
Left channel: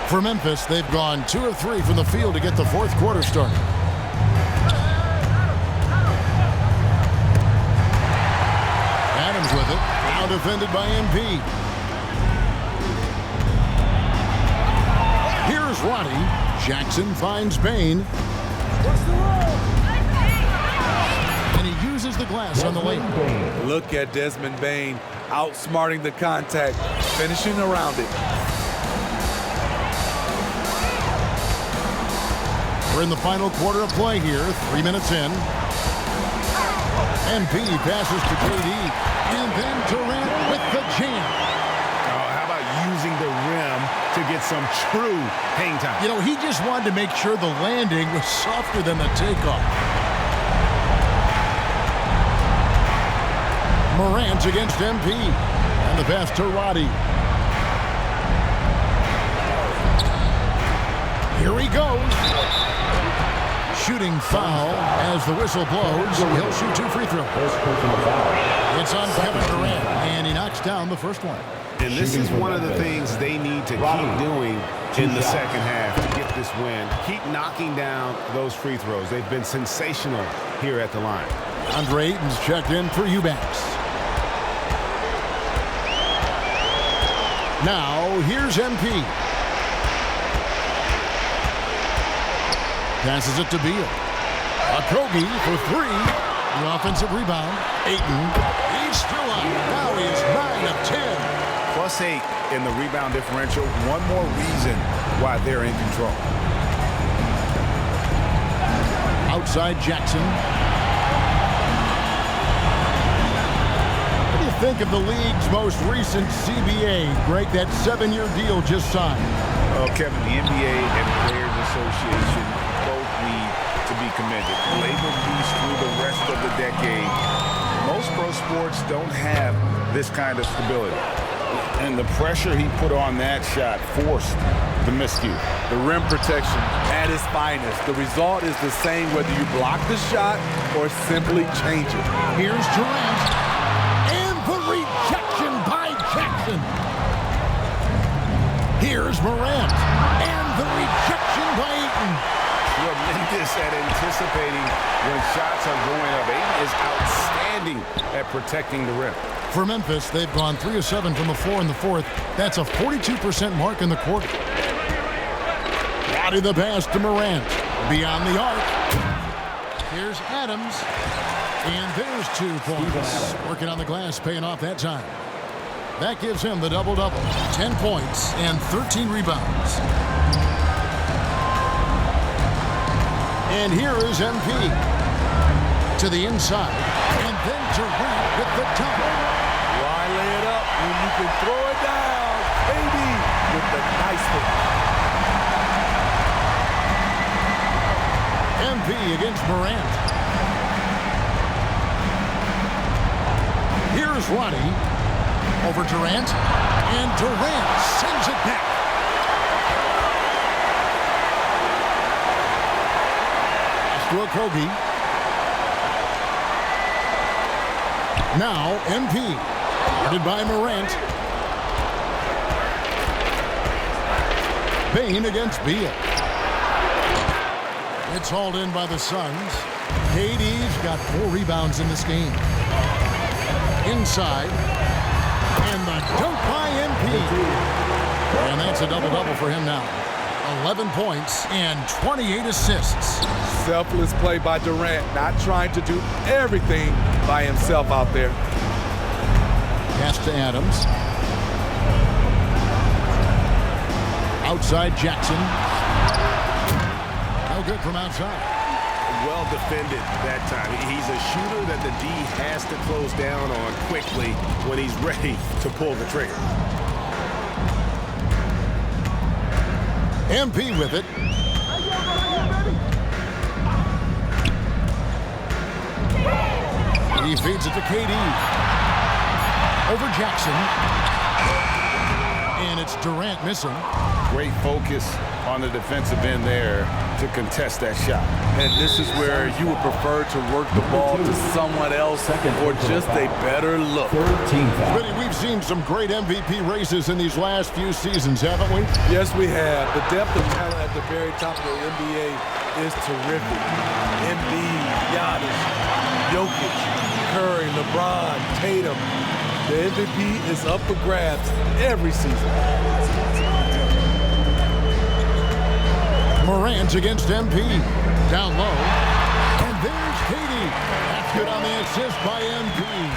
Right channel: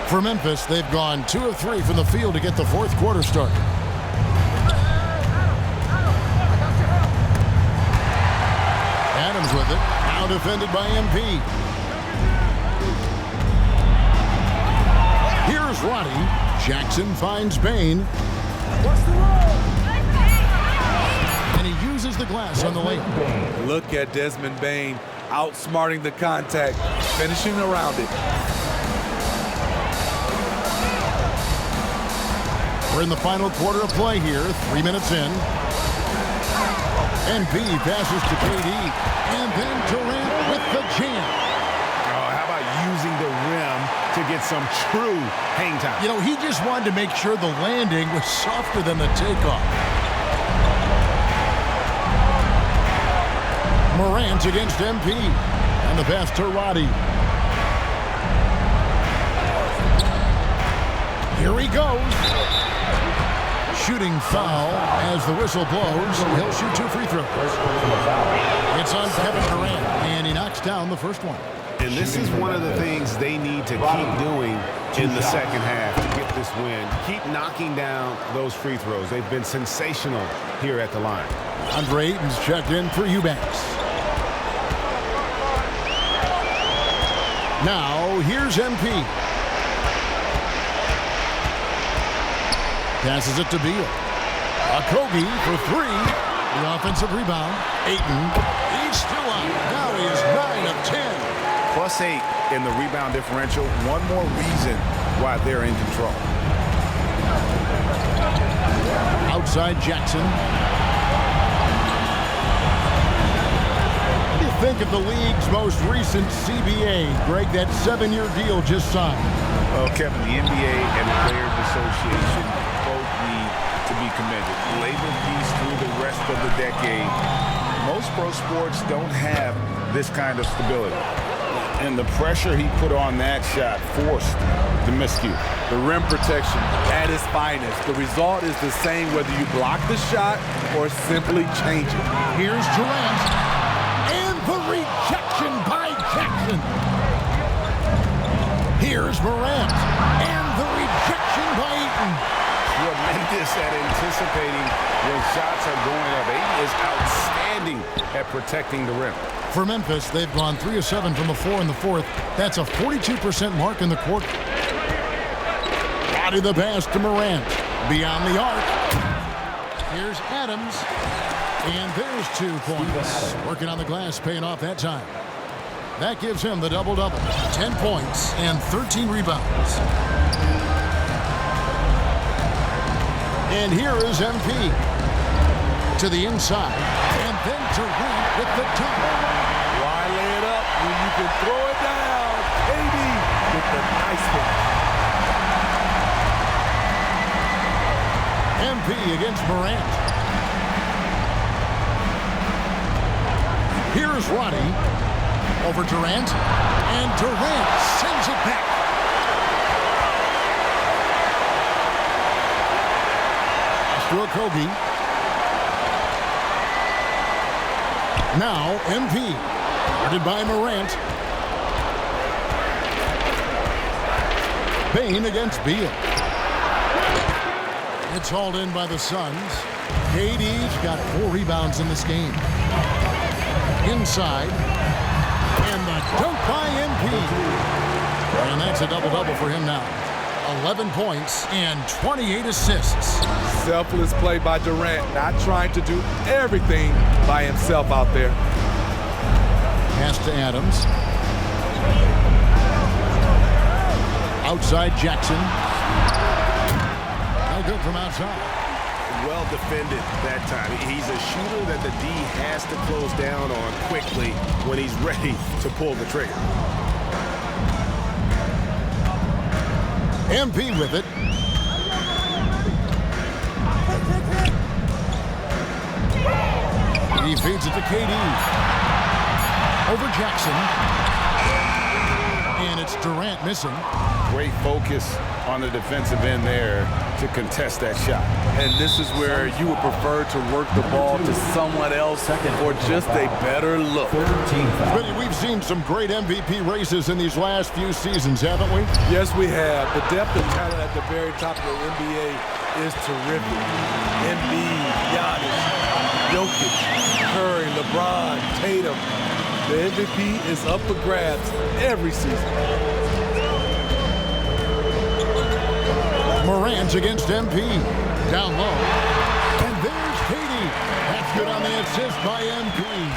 For Memphis, they've gone 2 of 3 from the field to get the fourth quarter started. Adams with it, now defended by MP. Here's Roddy. Jackson finds Bain. What's the roll? And he uses the glass on the layup. Look at Desmond Bain outsmarting the contact, finishing around it. We're in the final quarter of play here, 3 minutes in. MP passes to KD, and then Durant with the jam. Oh, how about using the rim to get some true hang time? You know, he just wanted to make sure the landing was softer than the takeoff. Morant against MP, and the pass to Roddy. Here he goes. Shooting foul as the whistle blows. He'll shoot 2 free throws. It's on Kevin Durant, and he knocks down the first one. And this is one of the things they need to keep doing in the second half to get this win. Keep knocking down those free throws. They've been sensational here at the line. Andre Ayton's checked in for Eubanks. Now, here's MP. Passes it to Beal. Okogie for 3. The offensive rebound. Ayton. He's still up. Now he is 9 of 10. +8 in the rebound differential. One more reason why they're in control. Outside Jackson. What do you think of the league's most recent CBA, Greg? That 7-year deal just signed. Well, Kevin, the NBA and Players Association both need to be commended. Labor peace through the rest of the decade. Most pro sports don't have this kind of stability. And the pressure he put on that shot forced the miscue. The rim protection at its finest. The result is the same whether you block the shot or simply change it. Here's Durant. And the rejection by Jackson. Here's Morant. And the rejection by Ayton. tremendous at anticipating when shots are going up. Ayton is outstanding at protecting the rim. For Memphis, they've gone 3 of 7 from the floor in the fourth. That's a 42% mark in the quarter. Roddy the pass to Morant. Beyond the arc. Here's Adams. And there's 2 points. Working on the glass, paying off that time. That gives him the double-double. 10 points and 13 rebounds. And here is MP. To the inside. And then Durant with the dunk. Why lay it up when you can throw it down? KD with the nice finish. MP against Morant. Here's Roddy over Durant, and Durant sends it back. Pass to Okogie. Now MP, guarded by Morant. Bain against Beal. It's hauled in by the Suns. KD's got 4 rebounds in this game. Inside. And the dunk by MP. And that's a double-double for him now. 11 points and 28 assists. Selfless play by Durant, not trying to do everything by himself out there. Pass to Adams. Outside Jackson. No good from outside. Well defended that time. He's a shooter that the D has to close down on quickly when he's ready to pull the trigger. MP with it. He feeds it to KD. Over Jackson. And it's Durant missing. Great focus on the defensive end there to contest that shot. And this is where you would prefer to work the ball to someone else for just a better look. Smitty, we've seen some great MVP races in these last few seasons, haven't we? Yes, we have. The depth of talent at the very top of the NBA is terrific. Embiid, Giannis, Jokic, Curry, LeBron, Tatum. The MVP is up for grabs every season. Morant against MP. Down low. And there's KD. That's good on the assist by MP.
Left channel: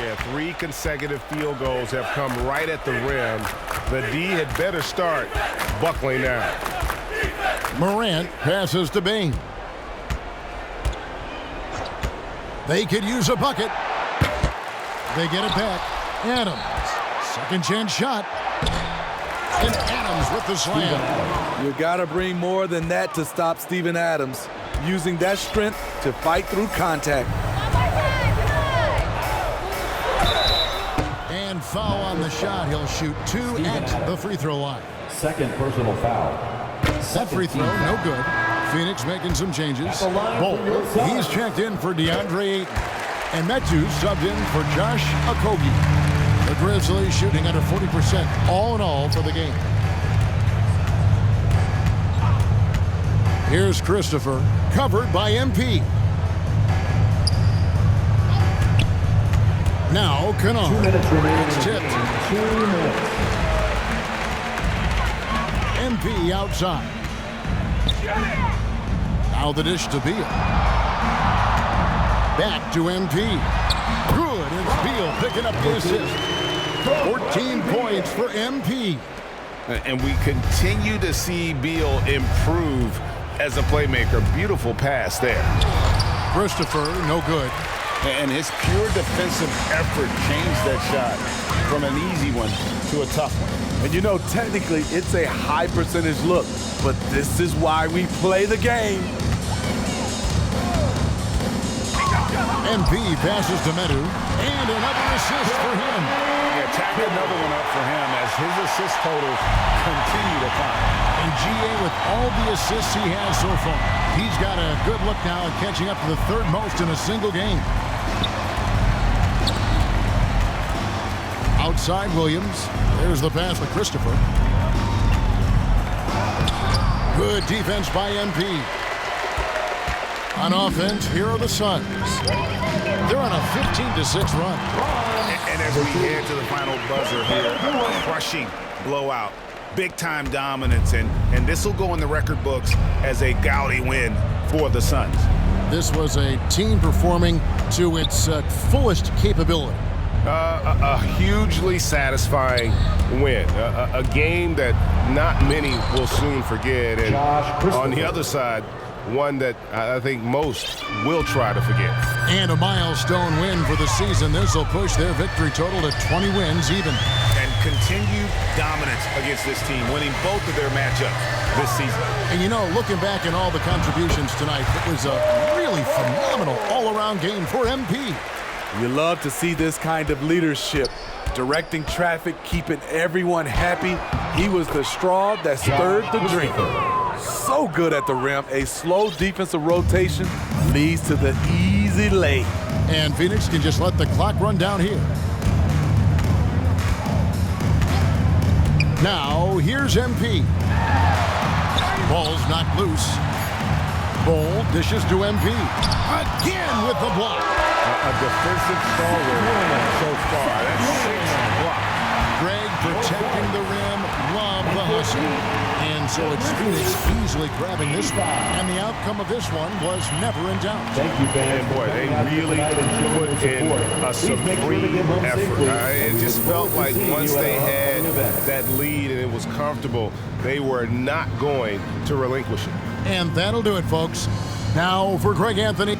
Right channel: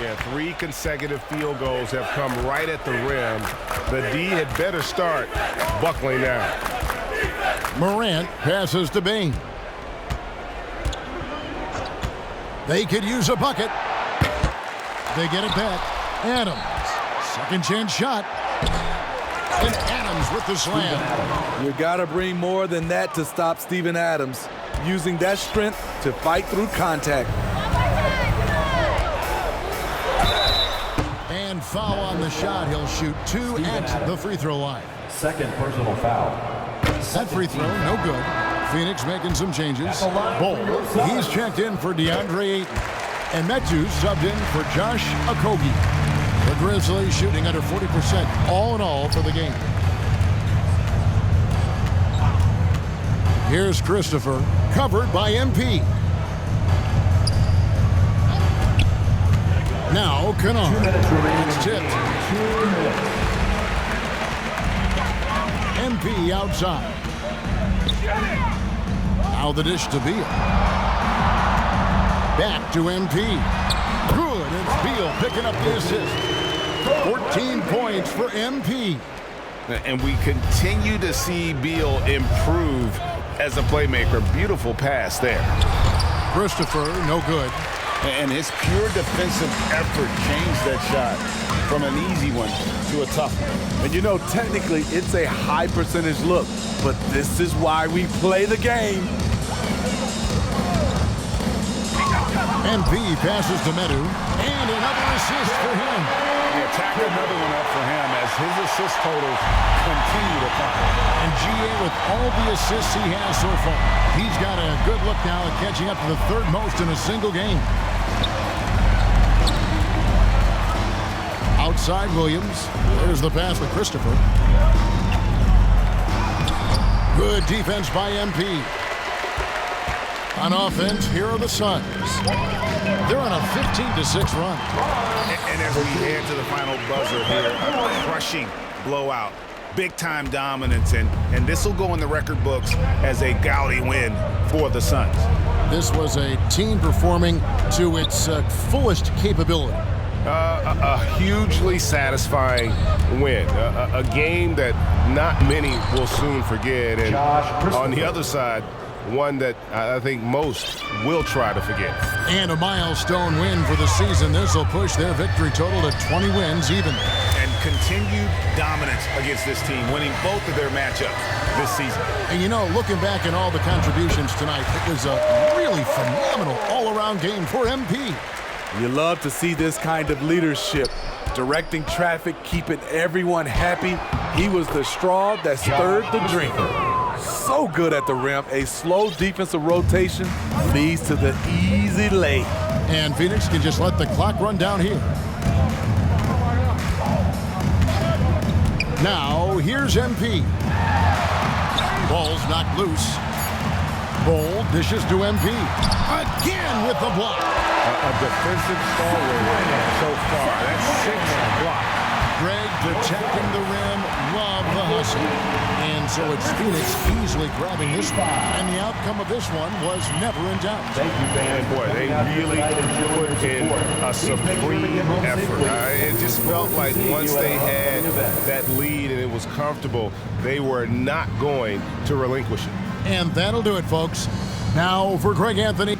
Yeah, 3 consecutive field goals have come right at the rim. The D had better start buckling down. Morant passes to Bain. They could use a bucket. They get it back. Adams. Second chance shot. And Adams with the slam. You got to bring more than that to stop Steven Adams, using that strength to fight through contact. And foul on the shot. He'll shoot 2 at the free throw line. Second personal foul. That free throw, no good. Phoenix making some changes. Bol, he's checked in for DeAndre Ayton. And Metu subbed in for Josh Okogie. The Grizzlies shooting under 40% all in all for the game. Here's Christopher, covered by MP. Now Kennard. That's tipped. 2 minutes. MP outside. Now the dish to Beal. Back to MP. Good, it's Beal picking up the assist. 14 points for MP. And we continue to see Beal improve as a playmaker. Beautiful pass there. Christopher, no good. And his pure defensive effort changed that shot from an easy one to a tough one. And you know, technically, it's a high percentage look, but this is why we play the game. MP passes to Metu, and another assist for him. Yeah, tack another one up for him as his assist totals continue to climb. And GA, with all the assists he has so far, he's got a good look now at catching up to the 3rd most in a single game. Outside Williams. There's the pass to Christopher. Good defense by MP. On offense, here are the Suns. They're on a 15-6 run. And as we head to the final buzzer here, a crushing blowout, big-time dominance, and this will go in the record books as a gaudy win for the Suns. This was a team performing to its fullest capability. A hugely satisfying win, a game that not many will soon forget, and on the other side, one that I think most will try to forget. And a milestone win for the season. This will push their victory total to 20 wins even. And continued dominance against this team, winning both of their matchups this season. And you know, looking back at all the contributions tonight, it was a really phenomenal all-around game for MP. You love to see this kind of leadership, directing traffic, keeping everyone happy. He was the straw that stirred the drink. So good at the rim. A slow defensive rotation leads to the easy lay. And Phoenix can just let the clock run down here. Now, here's MP. Ball's knocked loose. Ball dishes to MP. Again with the block. A defensive stalwart so far. That's 6 blocks. Greg protecting the rim. Love the hustle. And so it's Phoenix easily grabbing this one. And the outcome of this one was never in doubt. And boy, they really put in a supreme effort. It just felt like once they had that lead and it was comfortable, they were not going to relinquish it. And that'll do it, folks. Now for Greg Anthony.